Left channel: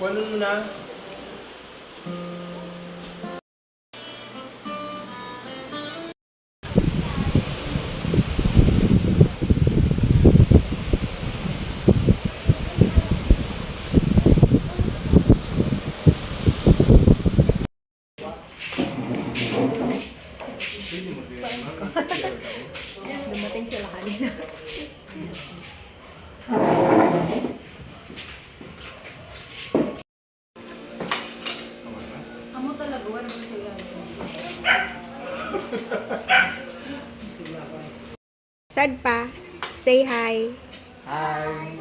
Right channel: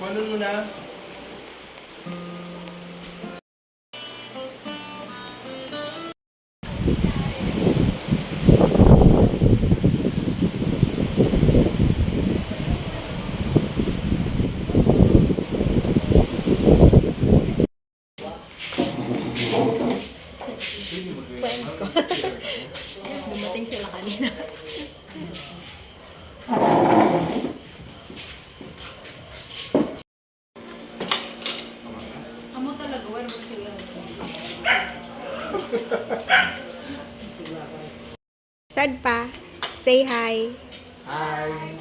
Kuhanin mo na. Dumating sila kanina. Amo talaga, wala mo sila. Sad pa. Say hi. Hi.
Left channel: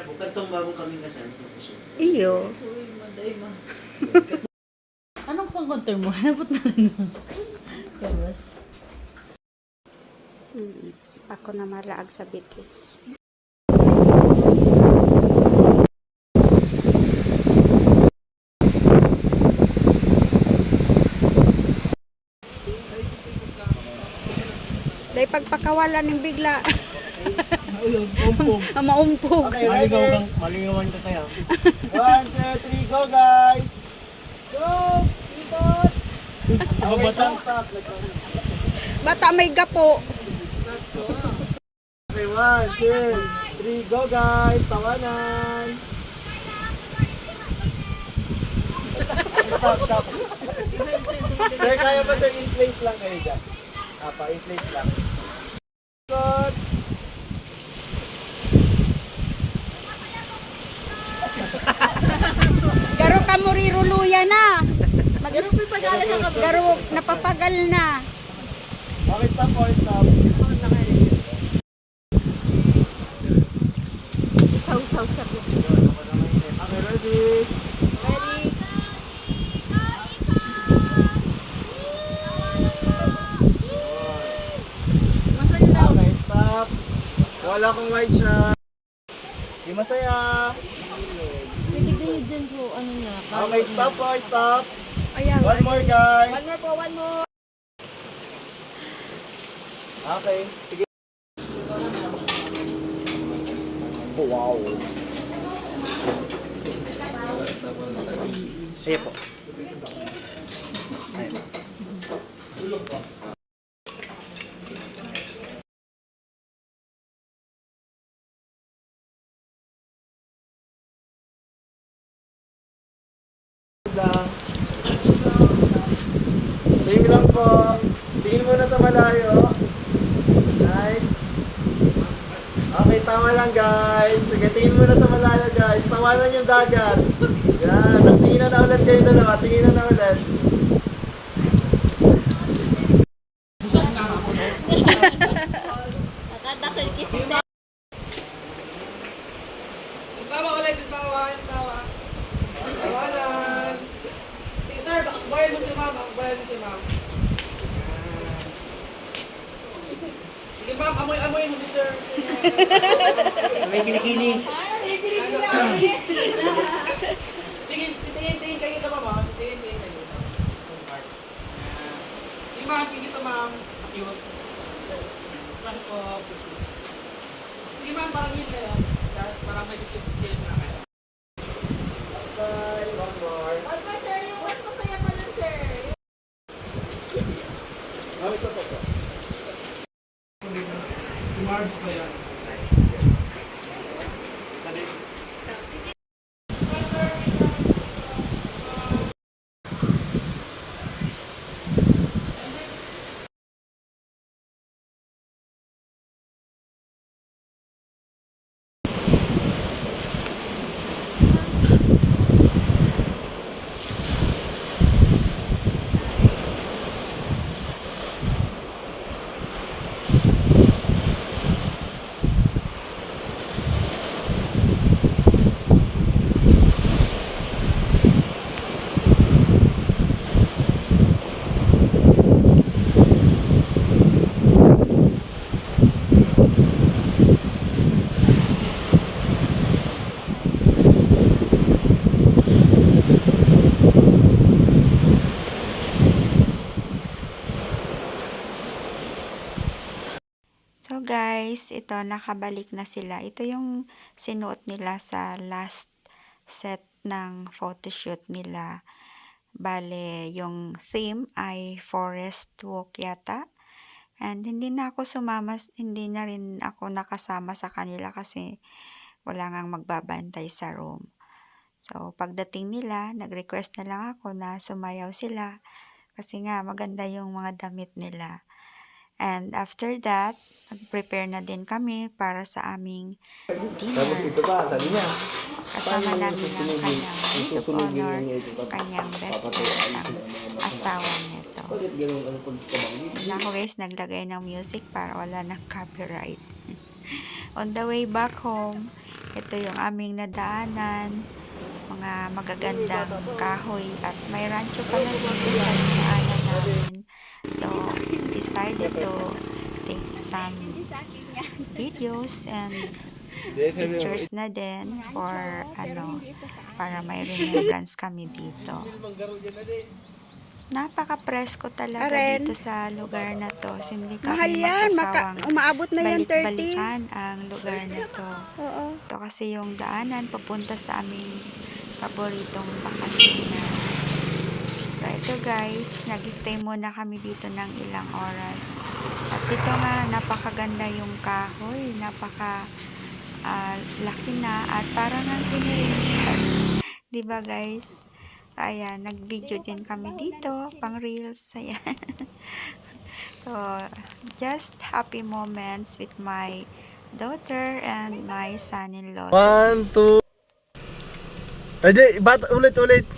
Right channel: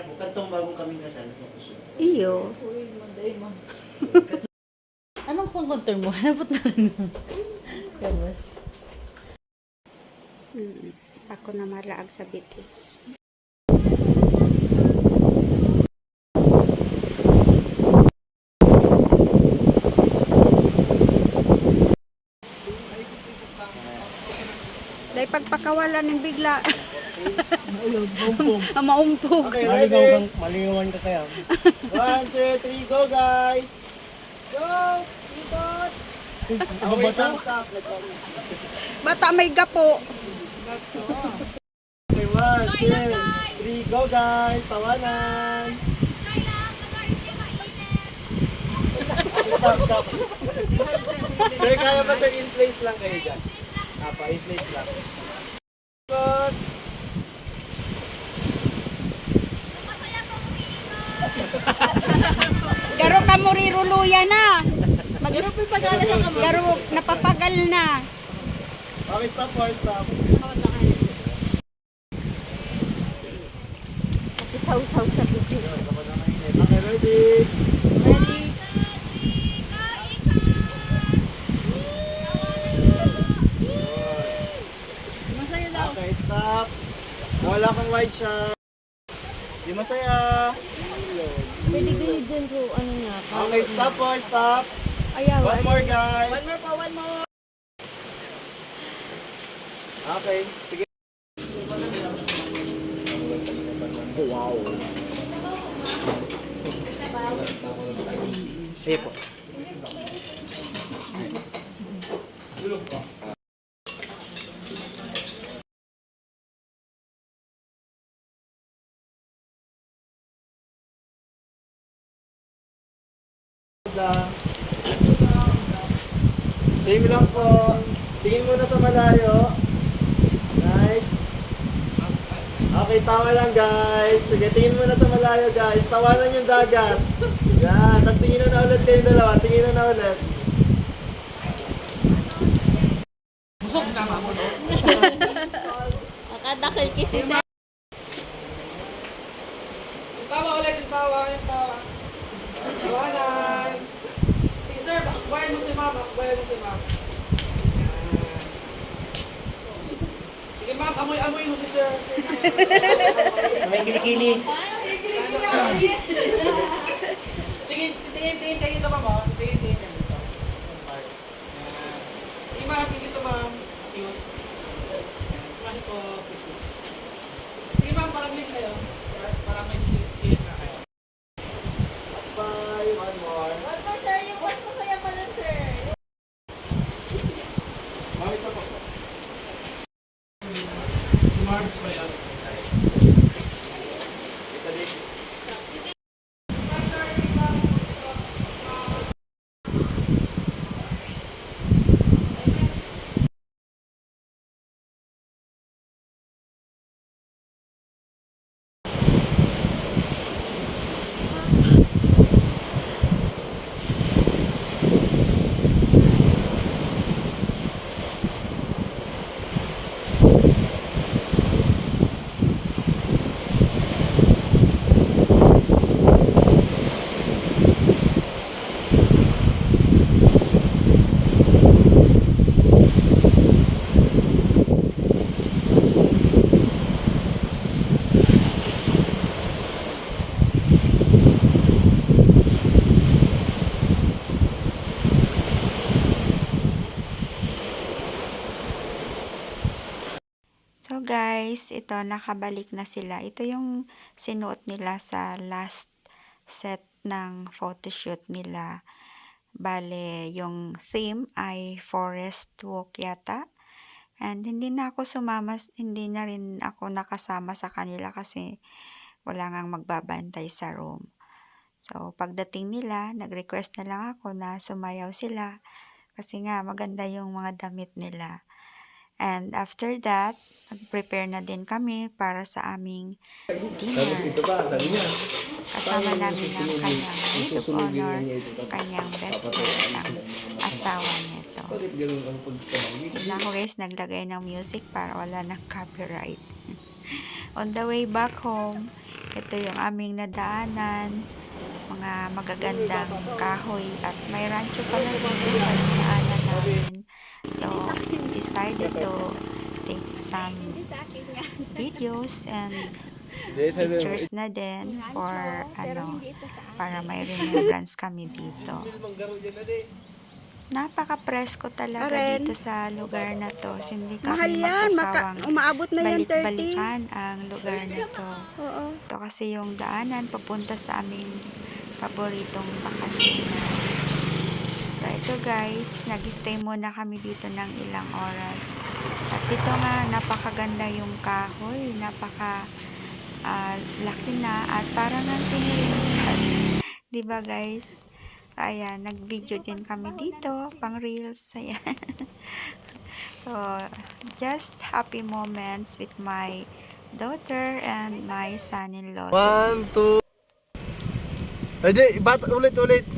Kantong bago kaming kasal sa puso. Iyo. Uy, maday ma. Anong pang-counter mo? Hanapot na lang. Kabas. Ako na malaag sa bitis. Dahil pagpakawalan ng bigla. Maumpog. Okay, ready? Malingawan ka kaya. 1, 2, 3, go guys! Go! Ikot! Okay, stop. Bata may gapo. Okay, 1, 2, 3, go guys! Tawanan! Stop. Sir, kaya ba sir, in place lang kayo dyan? In place lang. Ikot! Garo ka mo riruluya na. Garo napapagal na. Okay, stop. Isaw-saw sa bitis. Okay, ready? Okay, stop. Wala akong wide shot. Di masaya. Pwede din dyan po, ano niya. Okay, stop. Ayaw. One more guys. One more. Okay, sige. Oh, wow. Sige po. lang. Same lang po. Tingin muna sa malayo. Nice. Okay, tama lang guys. Sige, tingin muna sa malayo guys. Tawanan yung dagat. Yan. Tapos tingin na ulit kayo dalawa. Tingin na ulit. Nakadakil kasi sa... Tawa ulit, tawa, yung tawa. Tawanan. Sige sir, bakbayan mo si ma'am, bakbayan mo si ma'am. Sige ma'am, amoy-amoy mo si sir. May kilikili. Tingin sa ma'am, ha? Tingin kayo. Sige ma'am, tingin ito ma'am. Cute. Smile po. Sige ma'am, parang lead kayo. Parang may discipline na kayo. Bye. One more. Wag pa sir, yung mas masaya pa nun sir. Mami, isa po. Si Marbs ba yan? So guys, ito nakabalik na sila. Ito yung sinuot nila sa last set ng photoshoot nila. Bale, yung theme ay forest walk yata. And hindi na rin ako nakasama sa kanila kasi wala ngang magbabantay sa room. So pagdating nila, nag-request na lang ako na sumayaw sila kasi nga maganda yung mga damit nila. And after that, nag-prepare na din kami para sa aming dinner. Kasama namin ang kanyang maid of honor, kanyang best friend, ang asawa nito. Na ako guys, naglagay ng music para wala ng copyright. On the way back home, ito yung aming nadaanan, mga magagandang kahoy at may rancho pala dito sa dinaanan namin. So, we decided to take some videos and pictures na din for para may remembrance kami dito. Napaka-presko talaga Karen, dito sa lugar na to. Hindi mahal kami yan. magsasawang Umaabot na yan 30. balik-balikan ang lugar na to. Oo. Ito kasi yung daanan papunta sa aming paboritong bakasyonan. So, ito guys, nag-stay muna kami dito ng ilang oras. At ito nga, napakaganda yung kahoy. Laki na at parang ang tinirintas. Diba guys? Ayan, nag-video din kami dito, pang reels. Ayan. So, just happy moments with my daughter and my son-in-law. 1, 2. Ulit.